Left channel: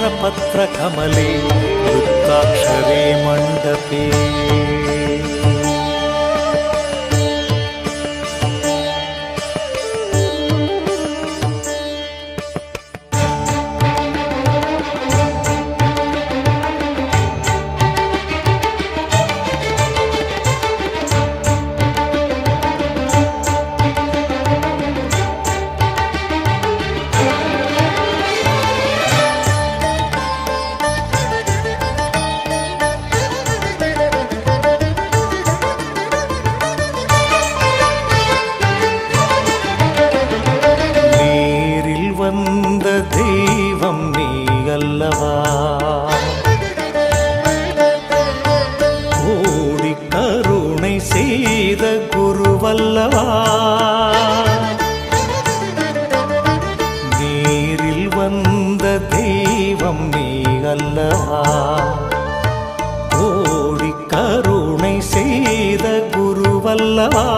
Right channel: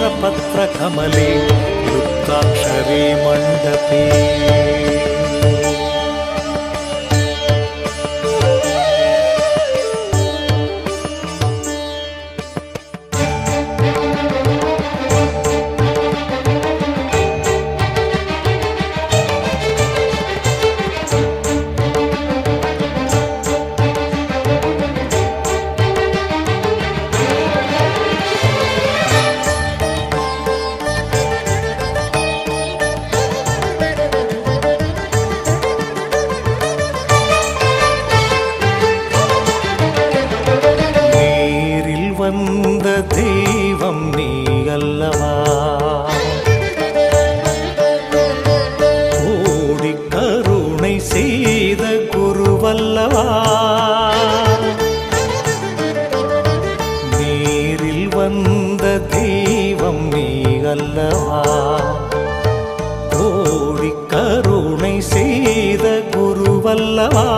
नित्योद्बुद्धसहस्रपत्रकमले लुप्ताक्षरे मण्डपे வந்த தெய்வம் நீ அல்லவா கோடி கருணை செய்த குருவல்லவா? நேரில் வந்த தெய்வம் நீ அல்லவா கோடி கருணை செய்த குருவல்லவா?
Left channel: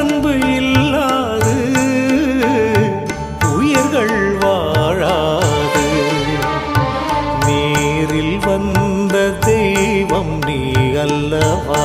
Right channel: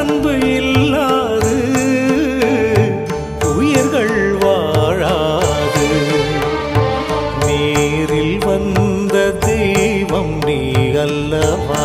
அன்பு இல்லாது உயிர்கள் வாழாது. நேரில் வந்த தெய்வம் நீ அல்லவா?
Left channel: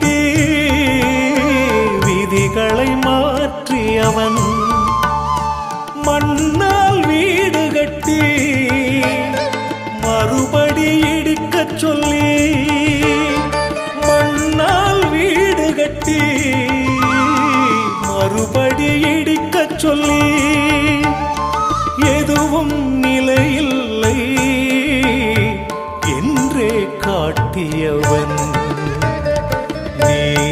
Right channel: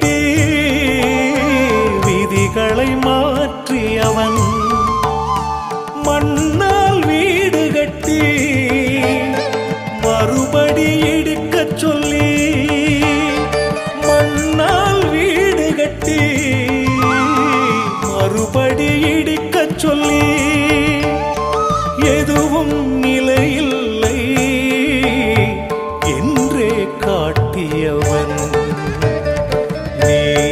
மாற்றியவன் மண்ணால் வீடு கட்டி மறுபடி இடிக்கச் சொல்லி மண்ணால் வீடு கட்டி மறுபடி இடிக்கச் சொல்லி எதுவும் நிலையில்லை என்றே காட்டியவன்.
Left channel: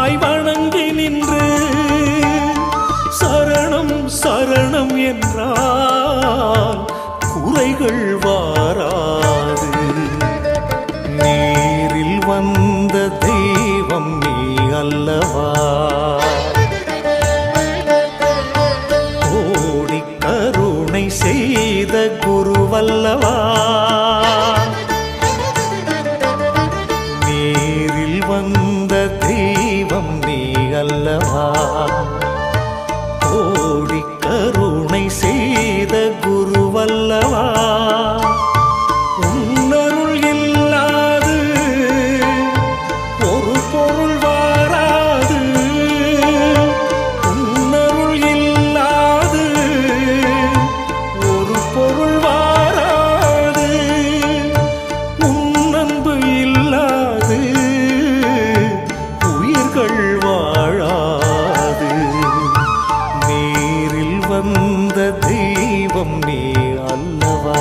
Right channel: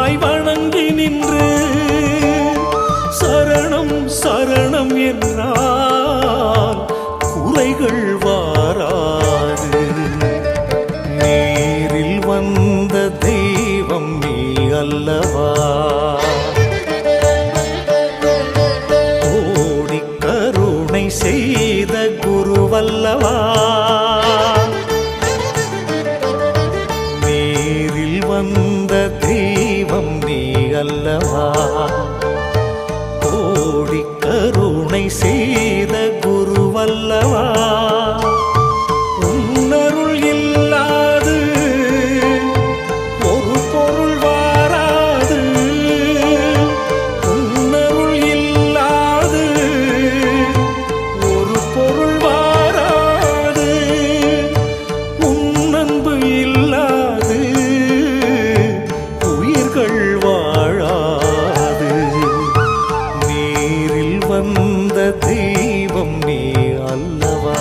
குருவாய் வணங்கி நின்று சரணம் சரணம் என்றால் குறைகள் வாராது. நேரில் வந்த தெய்வம் நீ அல்லவா? கோடி கருணை செய்த குருவல்லவா? அல்லவா கோடி கருணை செய்த குருவல்லவா? உன்னருள் இல்லாத மக்கள் வாழாது. நேரில் வந்த தெய்வம் நீ அல்லவா?